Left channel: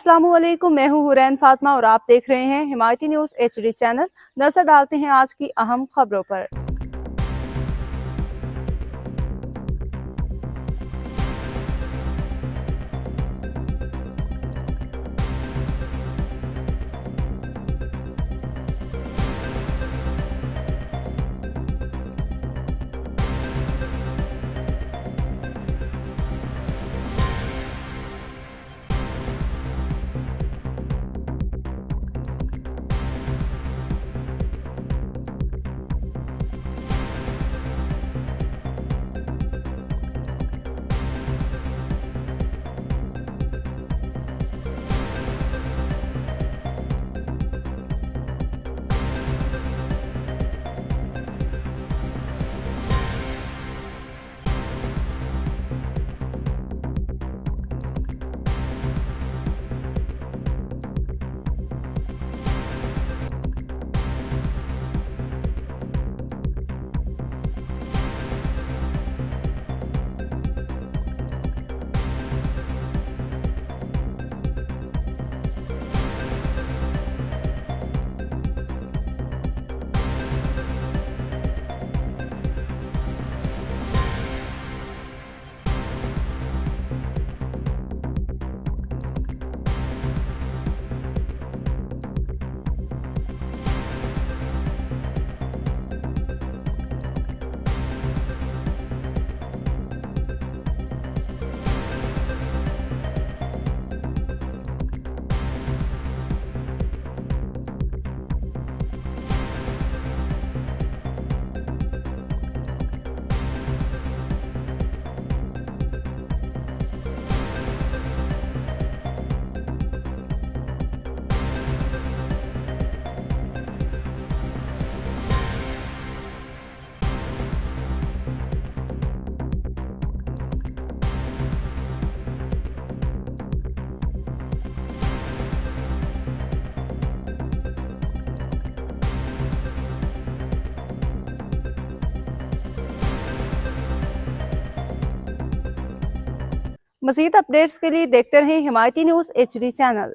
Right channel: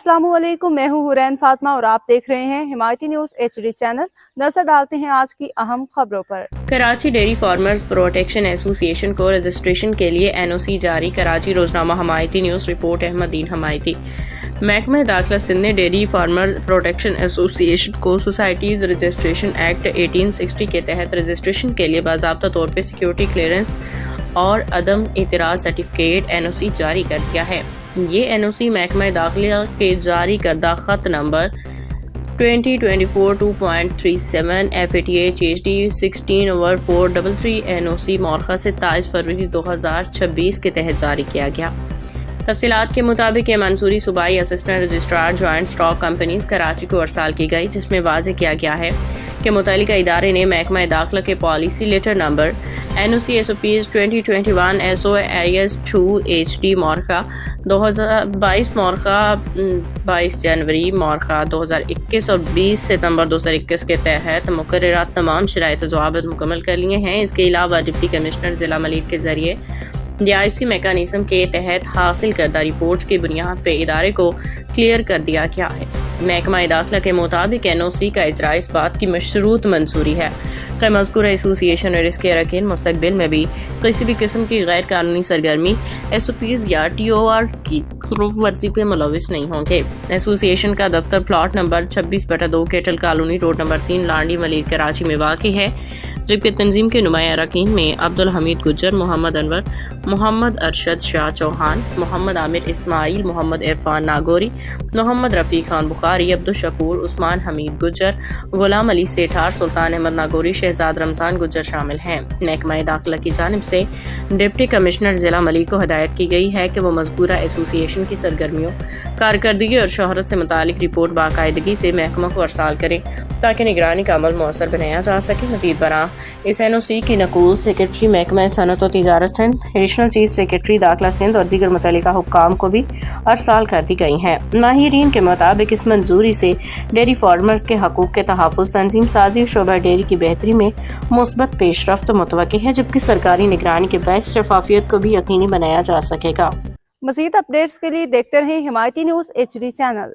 अस्सलाम वालेकुम, मैं हूँ हुरैन फातिमा और आप देख रहे हैं हिमायती न्यूज़ HD चैनल। नजर डालते हैं आज की अहम खबरों पर। Karachi dairy farmers protection association को रजिस्ट्रेशन के लिए NOC जारी। कराची रोजनामा हिमायती न्यूज़ रिपोर्ट अहमदीन हिमायती। महकमा दाखिला सिंध ने डेयरी फार्मर्स प्रोटेक्शन एसोसिएशन को सोसाइटीज़ रजिस्ट्रेशन एक्ट 1860 के तहत रजिस्ट्रेशन के लिए बाज़ाब्ता तौर पर सिक्योरिटी क्लियरेंस और अदम एतराज़ सर्टिफिकेट NOC जारी कर दिया है। ये NOC महकमा दाखिला के जारी करदा ख़त नंबर 2024-2.37 FATH-HD 16/433 NOC मौरखा से 23 फरवरी 2026 के तहत जारी किया गया। तफसीलात के मुताबिक ये मंसूरी सूबाई assistant registrar joint stock companies Karachi को अरसाल की गई, जिसमें वाज़ेह किया गया है कि मुतल्लिका इदारे ने महकमा दाखिला के policy letter number NOC SOPs 2021 SOIS 2 HD मौरखा 2022 मौरखा 22 जनवरी मौरखा 2021 और 20 सितंबर 2021 के तहत मुकर्ररात तमाम शराइत ज़वाबित मुकम्मल कर लिए हैं। इसके अलावा डिप्टी कमिश्नर ज़िला मलिक के ज़रिए DIC मैकेनिज़्म के तहत हासिल करदा रिपोर्ट्स की बुनियाद पर इदारे को क्लियर कर दिया गया है। महकमा दाखिला के मुताबिक NOC का इजरा इस बात की मशरूत मंजूरी है कि मज़कूरा एसोसिएशन और इसके अरकान मुस्तक़बिल में भी किसी भी किस्म की गैर कानूनी सरगर्मी SOPs या TOR की खिलाफ वर्जी पर मुलविस नहीं होंगे। एसोसिएशन का दफ्तर plot number 26/2 cattle colony road number 3 Landhi Malik Karachi में वाक़ई है, जबकि तंजीम के नुमाया अरकान में अब्दुल हमीद गुज्जर, मोहम्मद अनवर, मोहम्मद अरशद शाह चौहान, मोहम्मद आमिर इस्माइल, मोहम्मद इरफान नागौरी, मोहम्मद रफ़ी खान बुखारी, अब्दुल शकूर, उस्मान हमीद गुज्जर, गुलाम अली सेठार, सुल्तान अहमद नागौरी, शहजाद रमज़ान गुज्जर शामिल हैं। महकमा दाखिला की जानिब से डिप्टी कमिश्नर ज़िला मलिक को हिदायत की गई है कि वो मज़कूरा एसोसिएशन की सरगर्मियों, कारकर्दगी और शोहरत से मुतालिक रिपोर्ट बाकायदगी से महकमा को अरसाल करें ताकि निगरानी का अमल मौसर बनाया जा सके। मज़ीद बरां इस NOC की नकूल सेक्रेटरी महकमा सनअत व तिजारत सिंध, एडिशनल चीफ सेक्रेटरी दाखिला सिंध और दीगर मुतल्लिका हुक्काम को भी अरसाल कर दी गई हैं। माहिरीन के मुताबिक इस मंजूरी से डेयरी फार्मर्स के हकूक़ के तहफ़्फ़ुज़, तंजीम साजी, शोबा डेयरी की बेहतरी में मुस्बत पेशरफ्त मुतवक्की है, जबकि सरकारी निगरानी के बायस शफाफियत को भी यकीनी बनाया जा सकेगा। मज़ीद अपडेट्स के लिए देखते रहें हिमायती न्यूज़ HD चैनल।